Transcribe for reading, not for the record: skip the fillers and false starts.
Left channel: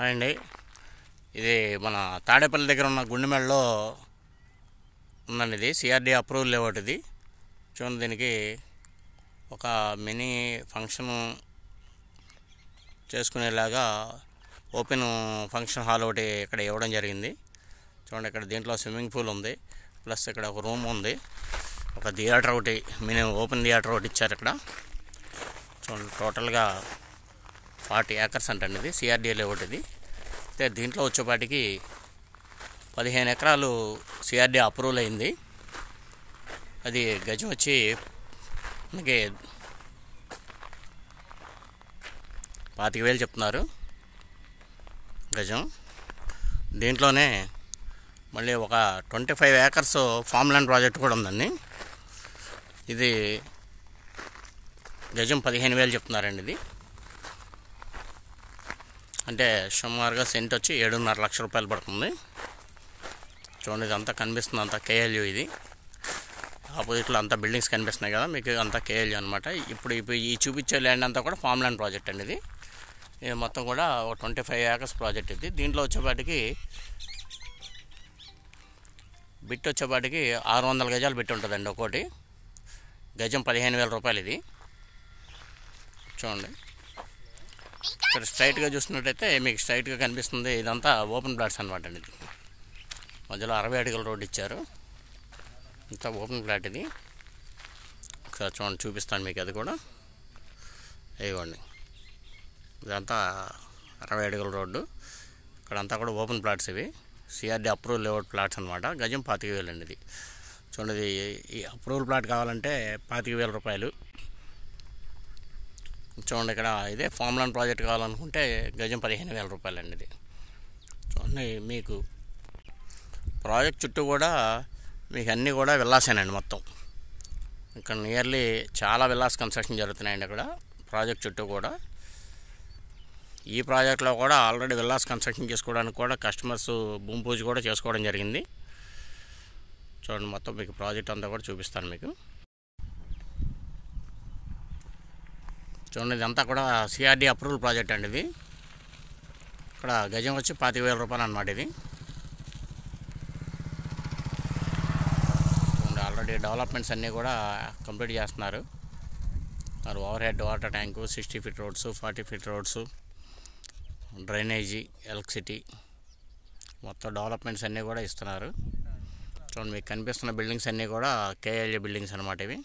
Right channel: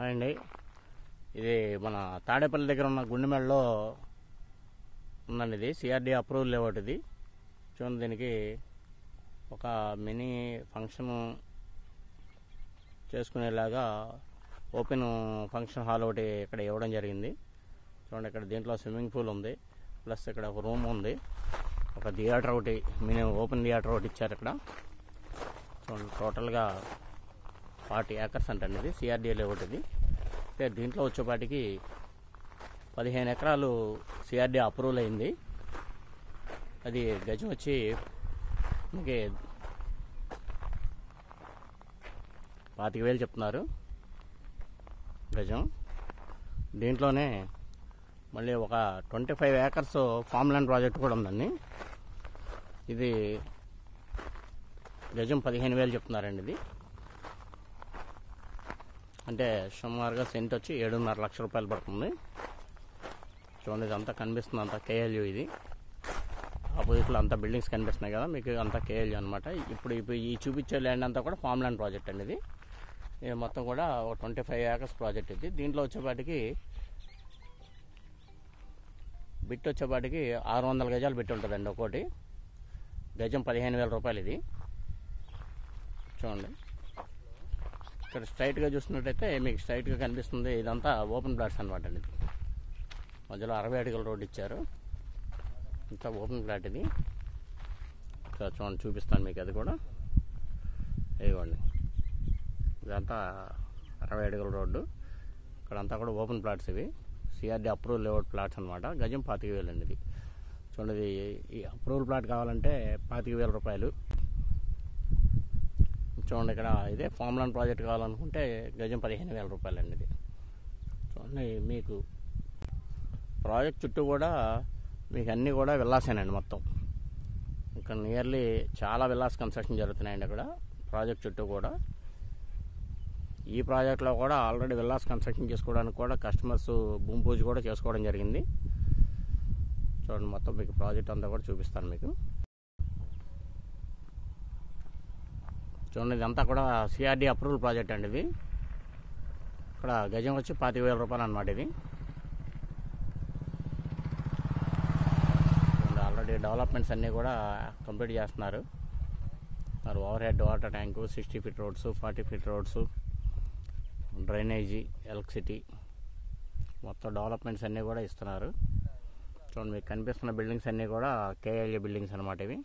Hi అండి. ఇది మన తాడేపల్లి దగ్గర ఉన్న గుండెమెడలో ఉందండి. ఇది సిఆర్డి అప్రూవల్ లేఅవుట్. ఇది చూడండి, దీనికి ఒక మినీ ఫంక్షన్ చేసుకునేలాగా ఓపెన్ ఫంక్షన్ హాల్ ఒకటి ఇక్కడ ఇవ్వడం జరిగింది. చూడండి, ఇక్కడ దీంట్లో స్విమ్మింగ్ పూల్ ఉంది, ప్లస్ ఇక్కడ ఒక రూమ్ ఉంది, ఒక థియేటర్ ఒకటి, మినీ ఓపెన్ థియేటర్ ఒకటి ఇచ్చారు ఇక్కడ. చూడండి, టోటల్గా 40 ఏకర్స్ అంటండి. ఇది సిఆర్డి లేఅవుట్. ఇది అయితే దీంట్లో వచ్చేపాటికి 15 ఎకరాలు సిఆర్డి అప్రూవల్ అయింది. అది గజం వచ్చి మనకి 25,000 చెప్తున్నారు గజం. దీంట్లోనే మళ్ళీ ఒక 25 ఏకర్స్ ఫామ్ ల్యాండ్ ప్రాజెక్ట్ కూడా ఉందండి. ఇది గజం 15,000 చెప్తున్నారండి. ఇది అంటే సుమారుగా సెంట్ వచ్చి 7.5 లక్షల రూపాయలు పడుతుంది. చూడండి, ఇదంతా కనిపిస్తుంది, అంతా కేఎల్యూ. ఇది ఆపోజిట్లో అంతా బిల్డింగ్స్ కనిపిస్తున్నాయి కదా మీకు, అంతా కేఎల్యూ అనమాట. ఇప్పుడు ఈ చూపించే ల్యాండ్ అంతా కూడా ఫామ్ ల్యాండ్ ప్రాజెక్ట్ అండి. ఇది మొత్తం కూడా ఒక 25 ఏకర్స్ ప్రాజెక్ట్. ఇది దీంట్లో వచ్చేపాటికి బిట్ వచ్చేపాటికి 600 గజాలు బిట్ ఉంటుందండి. ఒక్కోటి గజం 15,000 రూపాయలు. ఇది చూడండి, ఇక్కడ స్ట్రైట్గా చూసినట్టయితే మీకు స్ట్రైట్గా కనిపిస్తుంది. ఇదంతా ఓపెన్ ప్లాట్స్ అనమాట అండి. ఇది మధ్యలో 60 అడుగుల రోడ్డు ఇచ్చారు. ఇంత ఓపెన్ ప్లాట్. ఇది ఒకసారి చూడండి, చూపిస్తాను మీకు. అది కూడా ఇవ్వండి, ఇదంతా 60 అడుగుల రోడ్డు. ఇక్కడంతా కూడా ఓపెన్ ప్లాట్స్. ఇవి సిఆర్డి అప్రూవల్ లేఅవుట్ ప్లాట్స్ అనమాట. గజం 25,000 అండి. ఇది చూడండి, ఈ అప్రూవల్ ప్లాట్ కావాలంటే 25,000 రూపాయలు. చూడండి, ఇక్కడ ఇదే ఫామ్ ల్యాండ్ ప్రాజెక్ట్ కావాలనుకుంటే గజం 15,000 రూపాయలు అండి. ఇది చూడండి, మీకు ప్రాజెక్ట్ చుట్టూ కూడా మీకు అన్నీ కూడా విల్లాసేనండి మొత్తం. ఇక్కడ నియర్లీ చాలా విల్లాస్ కన్స్ట్రక్షన్ జరుగుతున్నాయండి అక్కడ ప్రాజెక్ట్ చుట్టూ కూడా. ఈ ప్రాజెక్ట్లో కూడా ఆల్రెడీ విల్లాస్ కన్స్ట్రక్షన్ చేసుకోవడానికి కూడా కస్టమర్స్ భూమి పూజ కూడా చేసుకోవడం జరిగింది. చూడండి, మొత్తం మీకు ప్రాజెక్ట్ అంతా కూడా చూపిస్తాను మీకు. చూడండి, ఇదంతా కూడా సిఆర్డి అప్రూవల్ ప్రాజెక్ట్ అండి. ఇది ఇక్కడ గజం వచ్చి 25,000 రూపాయలు అనమాట. ఇది చూడండి, ఆల్రెడీ డెవలప్మెంట్స్ అన్నీ కూడా కంప్లీట్ చేస్తున్నారు. Over head water tank, 60 feet roads, 40 feet roads, drainage, electricity, మొత్తం డెవలప్మెంట్స్ అన్నీ కూడా ఇస్తున్నారు. చూడండి, మీకు కనిపిస్తున్న బిల్డింగ్స్ అన్నీ కూడా కేఎల్ఏ బిల్డింగ్స్ అనమాట. ఇవి